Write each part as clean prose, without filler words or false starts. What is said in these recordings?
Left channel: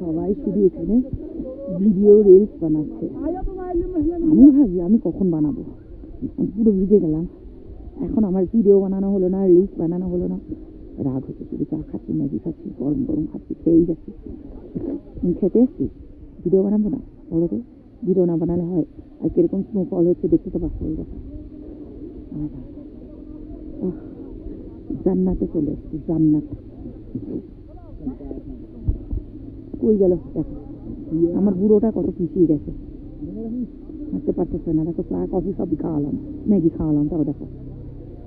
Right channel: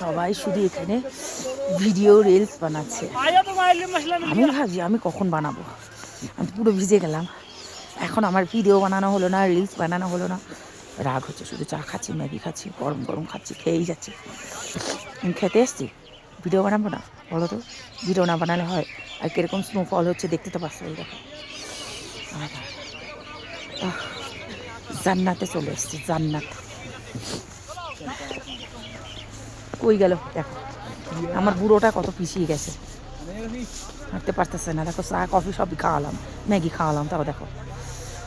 সবাই শুধু এখানে ভিডিও রিলস বানাচ্ছে। আমি ভাবছি আমি কখন বানাবো, আমি পুরো ভিজে গেলাম। এখন আমার ভিডিও বানানো হলো না, রিলস বানানো হলো না, রাগ হচ্ছে। শুধু চা খাচ্ছি, ম্যাগি খাচ্ছি, গরম গরম খাচ্ছি, খেয়েই যাচ্ছি। আমি খেতে এসছি, ভিডিও বানাবো না? বলো তো, ভিডিও না বানালে হয়? আর কীরকম স্নোফল হচ্ছে দেখতে তো পাচ্ছ, এই দেখো। জান্নাতে চলে এসছি, জান্নাত। কই গেল দেখো, আমার বুড়োটা কত পিছিয়ে গেছে, হাঁটতে পারতেছে না। দেখো চা কফি সবই খাওয়ালাম, ম্যাগি খাওয়ালাম, তাও দেখো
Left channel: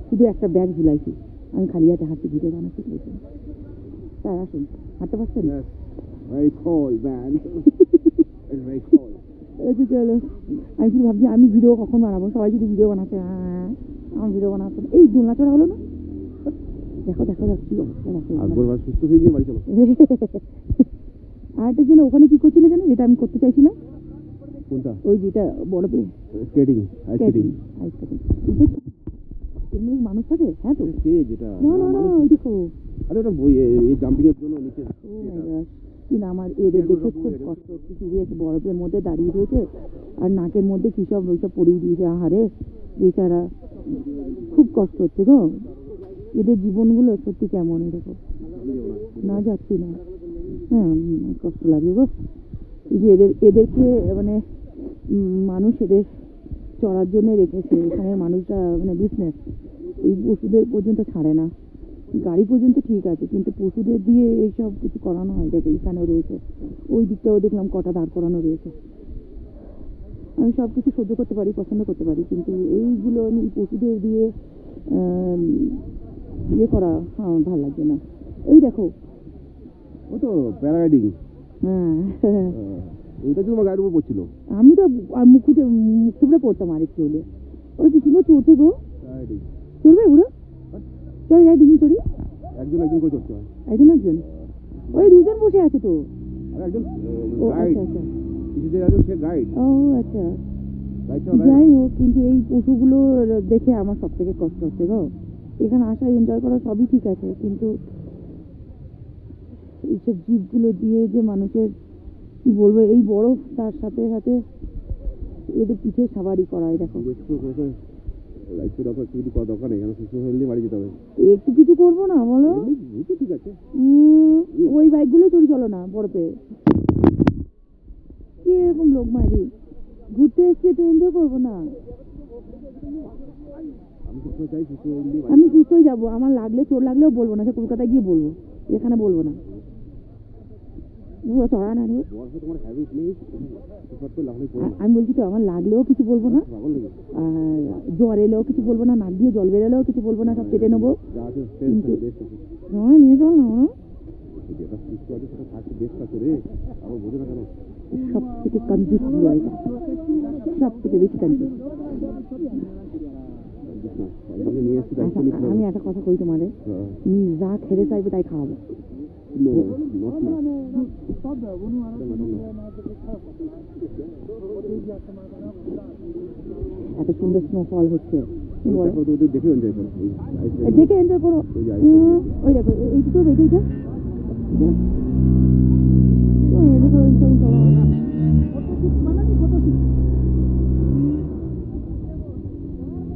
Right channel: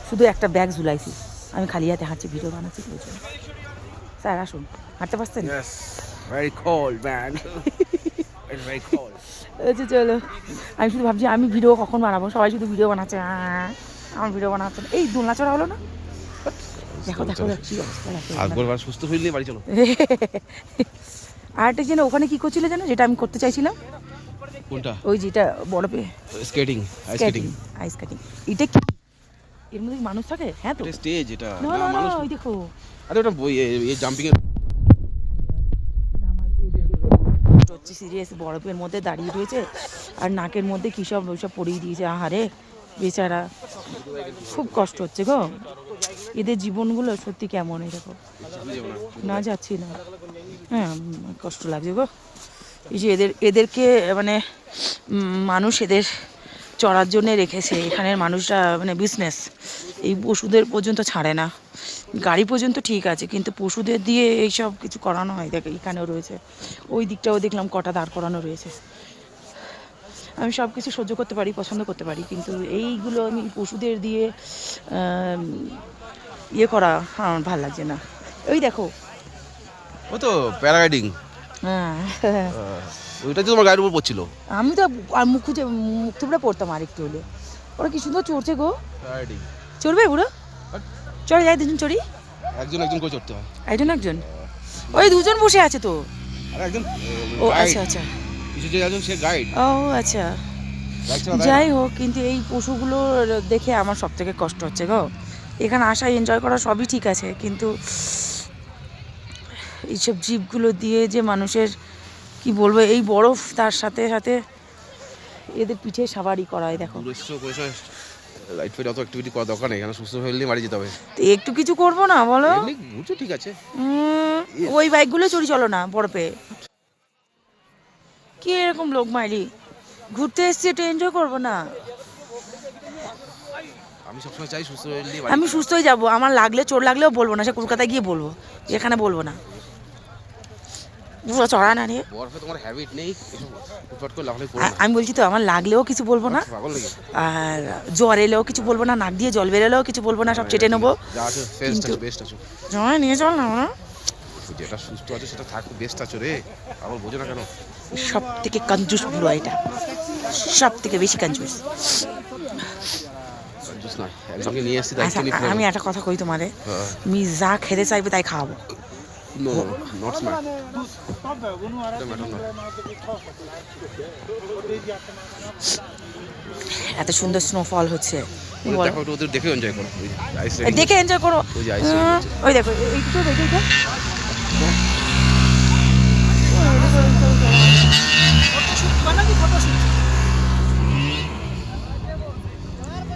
শুধু একটা ব্যাগ ঝুলাইছি। আমি খালি হাতে হাঁটছি, ভিডিও বানাচ্ছি ওই জন্য। স্যার আসুন, হাঁটতে পারছেন? আচ্ছা চলো, আমি শুধু ভাবছি আমি ভিডিও কখন বানাবো। সবাই শুধু ভিডিও বানাচ্ছে, আমার ভিডিও বানাচ্ছে। এই দোলনা চড়া হলো না? দেখো দেখো কি অবস্থা দেখো। সুস্থ হইলে বাড়ি চলো। আরেকটা যেন ওখানে কি করছিলে জানো, যেটা আমি করতে চাইছিলাম? কোনটা? ওই যেটা বরফে skating, ice skating. Ice skating. এটা কি এর মধ্যে মানুষ থাকে? হ্যাঁ তো, স্টেজ এটা। না না না, ওই দেখো। আরে ওটা এই জাম্পিং এর জন্য আমার এদের দেখে কষ্ট হচ্ছে সিরিয়াস। বরফের মধ্যে দাঁড়িয়ে রয়েছে আর নাকের মধ্যে কী সব ওইসব পরিয়ে দিয়েছে। আহারে বেচারা, খুব কষ্ট হচ্ছে গো। এদের জীবনগুলো সত্যি কেমন, এই দেখো। না যাচ্ছি না, হ্যাঁ কষ্ট লাগছে গো। এই যে এদেরকে মানে মানুষ এদের চড়ার জন্যে রেখেছে। এখানের মানুষরা মানে বিজনেস, এই পশুদের পর্যন্ত ছাড়ে না। গাড়ি পর্যন্ত ঠিক আছে, কিন্তু পশুদের দিয়ে এইসব কিছু করানো হয়। দেখো এখানেও রয়েছে, ওই দিকটাও দেখলাম কটা দাঁড় করানো রয়েছে। আমি সব কিছু সহ্য করতে পারি, পছন্দ করতে পারি, কিন্তু এইগুলো আমি পশুদের দিয়ে ইয়ে করা আমার ভালো লাগছে না। ওই দেখো, ও তো প্যারাগ্লাইডিং। হ্যাঁ ওইটা তো তোমার গায়ের উপর পড়ছিল। আমি তো আর মুখ থুবড়ে পড়তাম আর একটু হলে। ওরা কি সুন্দর চড়ছে গো। চড়বে বুড়ো? চড়ে যাই, দুজন চড়ি। একজন একজন করে চড়তে হয়। একজন ওই দুজন বসে আছে তো। আর একজন ও আচ্ছা আচ্ছা, কিছু যে আছে সে গাইড। ও আচ্ছা, যাই হোক। কিন্তু এই পশুগুলো দেখে আমার সব থেকে কষ্ট হচ্ছে গো। এখানে আসা, এনজয় করা সবই ঠিক আছে, কিন্তু এইসব জীবগুলো দিয়ে যে মানুষের কি বলবো, এই বরফ তার সাথে সাথে এদের পিঠে সাবারি করায়। দেখো লাইট ফাইট অত অ্যাক্টিভিটি করা দরকার নেই, এখানে সুস্থ হইলে বাড়ি যেতে হবে। একটু কিছু করবো না বলো? বুঝছো ঠিক আছে, ওই বাইকগুলো চড়ি চলো না বরফে। কি এরকম লোক মাইরি, ঘুরতে এসছে, একটু এনজয় করবো না? আমি সবসময় চাই সুস্থ হইলে। আমি সুস্থই যাবো, আমার লাগলে চোট লাগলেও বলবো না, সে কলকাতায় গিয়ে বলবো, এখানে বলবো না। চড়া না রে, বরফে তোমার হ্যাবিট নেই, আমি বলছি তো আমার লাগলেও কিছু বলবো না, আর জ্বর এলেও কিছু বলবো না, নাক দিয়ে জল বেরোলেও কিছু বলবো না, সব চেটে নেবো। নিয়ে চল না, যেটা সুস্থ আছে সেটা থাক, বেস্ট আছো রে, আমার বোঝো না কেন। সব থেকে কঞ্জুস বুড়ো এটা, সব থেকে বেশি কঞ্জুস। আমি একটা কথা কই তোমারে, তুমি যা খেতে চাইবে তাই খাওয়াবো। এত সুন্দর স্নোফল হচ্ছে, দেখে এনজয় করো। ওই দেখো এইটুকু দেখে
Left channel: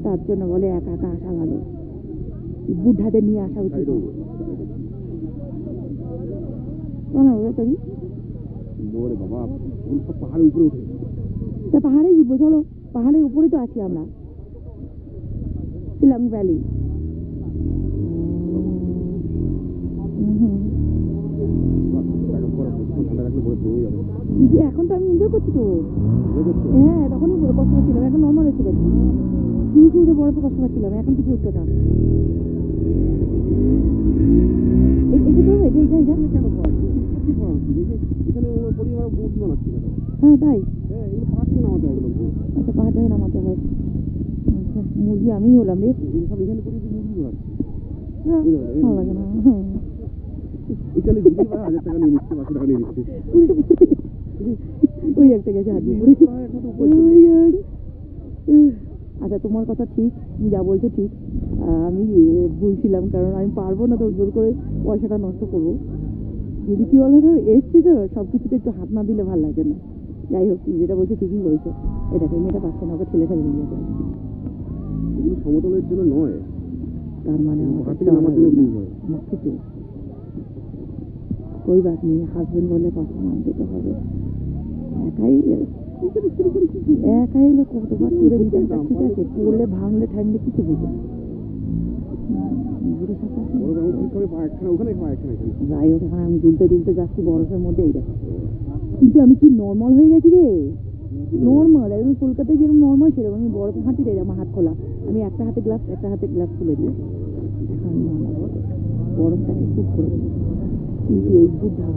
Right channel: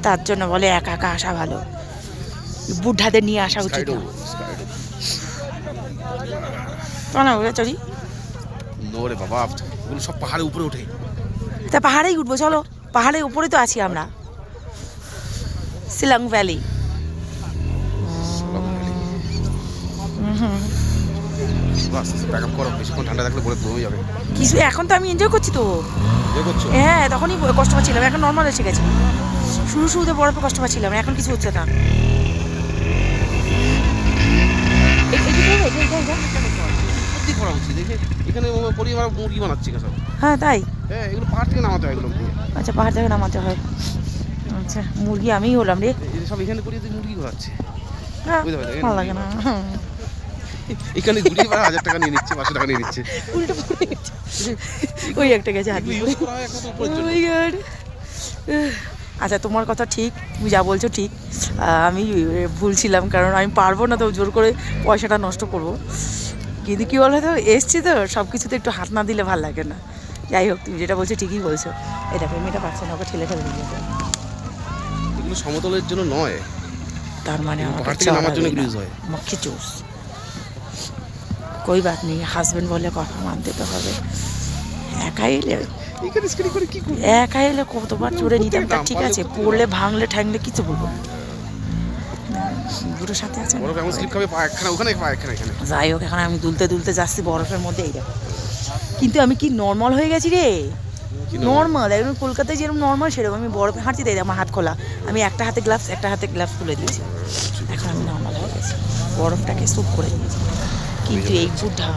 তার জন্য বলে একা একা আসা ভালো, বুঢ়াদের নিয়ে আসা উচিত না। চলি বাবা, সব পাহাড়ের উপরে উঠে। তা পাহাড়েই উঠবো, চলো। পাহাড়ের উপরে তো আছি আমরা, শিলং ভ্যালি। কিছু এখন তো আমি এনজয় করছি তো। হ্যাঁ, তখনই কষ্ট পাচ্ছিলাম, এখন নর্মাল এসে গেছে। শুরুতে বরফে কষ্ট পাচ্ছিলাম, এখন কিছু হচ্ছে না। হ্যাঁ তাই, আচ্ছা পাহাড় থেকে নামাতে হয়। আচ্ছা, মুরগি আমিই হলাম রে। হ্যাঁ ভালো লাগে না, এখানে 1000 টাকা নিয়ে নিচ্ছে, 500 টাকা নিয়ে নিচ্ছে। উল্টো পড়ে গেছে, ওই একটা গেছে হাত দিয়ে। আচ্ছা তোমার কথা ঠিক, তুমি যা বলছো ঠিক। আমি ভুল ছিলাম, কারণ আমি পারবো না তো জোর করে পয়সাটা নষ্ট করবো। কিন্তু কী বলো তো, এসছি তো সব কিছুতে একটু হাত না দিলে ভালো লাগে না। যাই হোক, তুমি যেটা বলছো ঠিকই বলছো। এই দেখো, এই মেয়েটা পাচ্ছে না, ওকে ঠেলে ঠেলে নিয়ে যেতে হবে। এগুলো সমতলের জন্য নয়, তার মানে আমাকে পাহাড় থেকে নামার জন্য ইউজ হয়। মক্খি চুস কই বাত নেই, হাজবেন্ড বলে কথা মানতে তো হবে। একা এলে এখানে স্ক্রিন করে কি করব? একা এলে কতবার চড়ে নিতাম, তা ঠিক আছে, পড়লে ভাঙলে ঠ্যাংলে কিছু বলবো না। দুটোর সাথে আছে না? বরফ এমন স্লিপ খাবে, পা একখানা ওখানে, পা একখানা এখানে। যাই হোক, এখন আমি দুলতে দুলতে যাচ্ছি বরফের মধ্যে, এই দেখো। কিন্তু আমি কি নর্মাল হয়ে গেছি রে, নর্মাল একদম। কলকাতায় যেরকম নর্মাল সেরকম আমি বরফে হাঁটছি, তাই আমার হাত খোলা, আমি একটা হাতে গ্লাভস তুলে দিয়েছি। এখন আমি নর্মাল হয়ে গেছি, বরফটাকে স্যুপ করে দিয়েছি। কিন্তু এই বুদ্ধা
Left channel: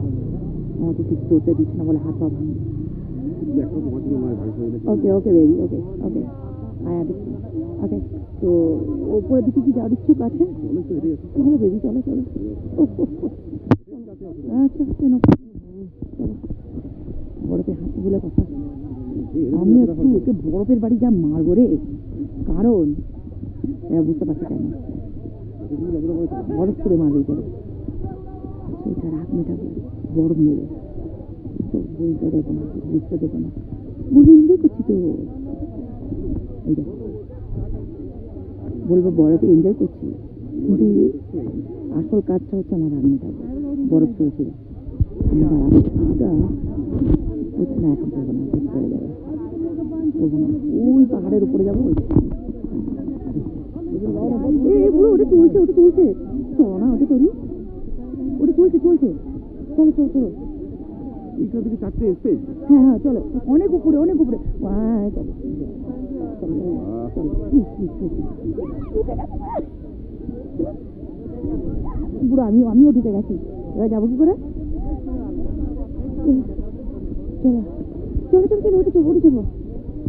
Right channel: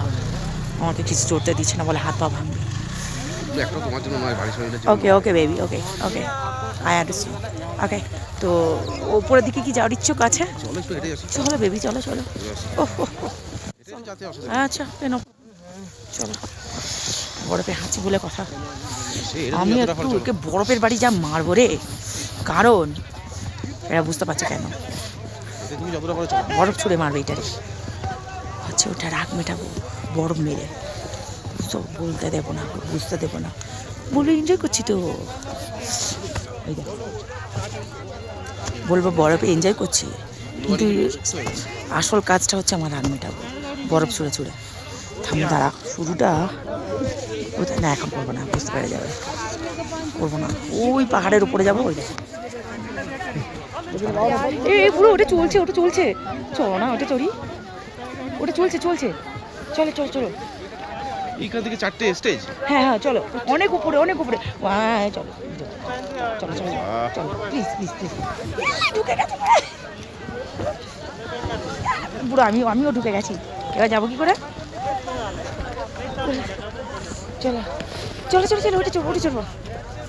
আমাকে কিছু চড়তে দিচ্ছে না, বলে হাত পা ভাঙবে। একটা তোমার জন্য নয়, বাড়ি শরীরের জন্য। Okay okay baby, okay okay, I understand. Okay, তো ওপরের দিকে কি যাওয়ার ইচ্ছুক আছে? চলো একটু হেঁটে আসি। চলো বেবি, চলো চলো। ওহ হেঁটে যেতে অসুবিধা নেই। আচ্ছা, কেন, চলো। বরফে হাঁচি বলে কথা। সেই হেঁটে আমি যতটা একটু পারো ওকে বরফের বাড়ি যা মারবো রে, কারণ এরা বুঝতে পারছে কেন চলো। তুমি যতটা পারো চলো। বরফ ছুঁড়ে মারবে এটারে, হচ্ছে ওটা রাগ মেটাবো বরফ মেরে। সব বলতে দেবো না, বুঝতে দেবো না, বলে এনজয় করছি তো। এই দেখো, বলবো বরফে এনজয় করছি, কিন্তু আসল কাজটা হচ্ছে আমার রাগ মেটাবো বরফ ছুঁড়ে ছুঁড়ে। থামো, দাঁড়া, শুরুটা কোথায় না, এখন করবো না, বুঝতে পেরে যাবে, করবো না। ওই পাহাড়ের উপরে যাবো, ওই পুরো ওটা চলছে, ওটা চলছে, চলো না, ওটা চড়ি, ওটা চলছে চলছে, চলো চলো চলো। এইখান থেকে 4টে স্টেজ। হ্যাঁ হ্যাঁ, চলো, অনেক উপরে অনেক উপরে, হ্যাঁ চলো চলো চলো চলো, প্লিজ প্লিজ প্লিজ। ঢুকে গেছে পুরো, আমিও ঢুকে গেছি, এবার যাবো কি করে? চলো চলো চলো চলো, ওটা চড়বো, ওটা চড়বো,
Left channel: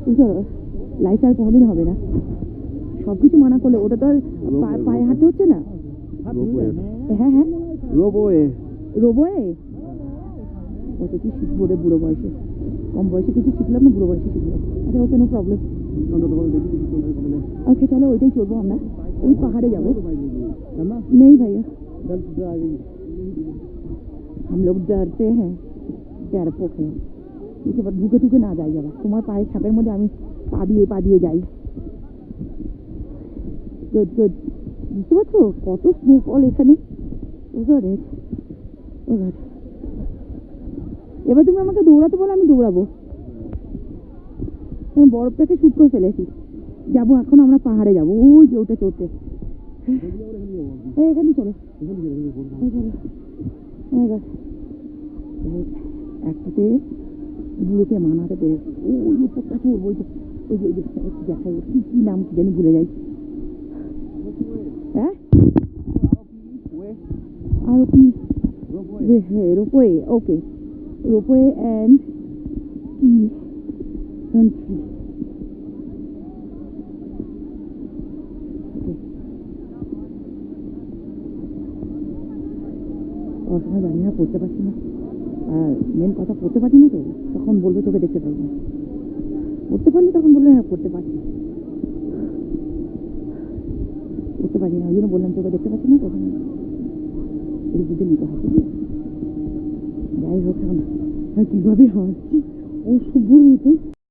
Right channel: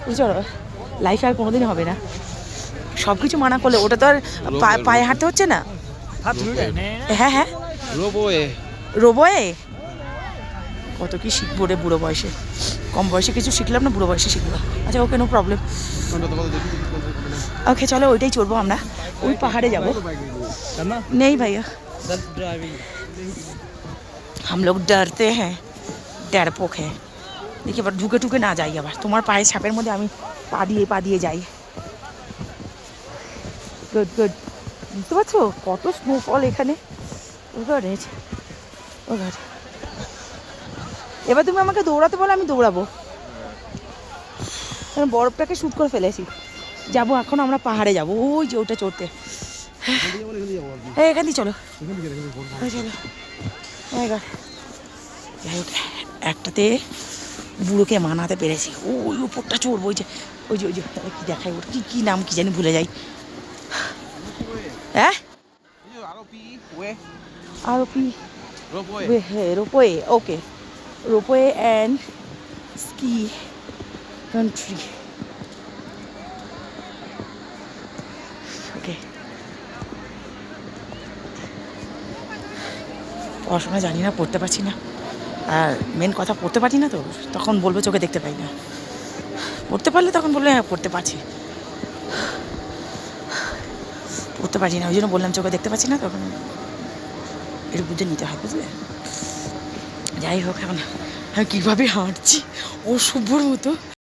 ওটা চলো। লাইফে আর কোনোদিন হবে না সব কিছু মানা করলে, ওটা তো আর পায়ে হাঁটতে হচ্ছে না। হ্যাঁ হ্যাঁ, রোবওয়ে। রোবয়ে কত কি শিখবো রে বুড়ো বয়সে, কম বয়সে কিছু শিখলাম না, বুড়ো বয়সে শিখবো। আচ্ছা ওকে, নো প্রবলেম। ওকে চলো, ওইটাই চড়বো আমরা, ওই পাহাড়ে যাবো। নেই ভাইয়া, हम लोग डरते हैं, डरपोक है। দেখি এবার ঢুকে ঢুকে না যাই, আবার তোমার পায়ে ছাপের মধ্যে আমি পা দিয়ে যাই। গুড গুড, বুঝতে পারছো কত স্নোফল এখানে। ও গড, ও গড। এবার তুমি আমাকে দৌড়াতে বলো, আমি দৌড়াবো, বরফটাকে শুট করে ফেলেছি। যাবো এখন আমরা পাহাড়ে যাবো, ওই যে ওটা চড়তে। হ্যাঁ, এখান দিয়ে চলো, চলো। যাই হোক, একটাতে বুড়োকে মানাতে পেরেছি, ওই উপরটা চড়বো, ওই যে ওই যে ওই যে কি দেখাই, ওটা কি নাম কি জানি, ভুলে যাই। হ্যাঁ, আরোপি, হ্যাঁ, ropeway, okay, ropeway and ski country. Okay, পড়াশোনা জানি না, পড়তে পারছি না, আর মেন কথা পড়তে পারি না তো, তখন বলবো চোখে দেখতে পাই না। পড়তে পারলে তখন বলবে হ্যাঁ পড়তে পারছি, পড়তে পারছি না, ওই জন্য বললাম চোখে দেখতে পাচ্ছি না, তখন একটু বুঝে নিতে হয়, বুঝলে। যাই হোক, এখন আমি কীভাবে হাঁটছি অসভ্যর মতো।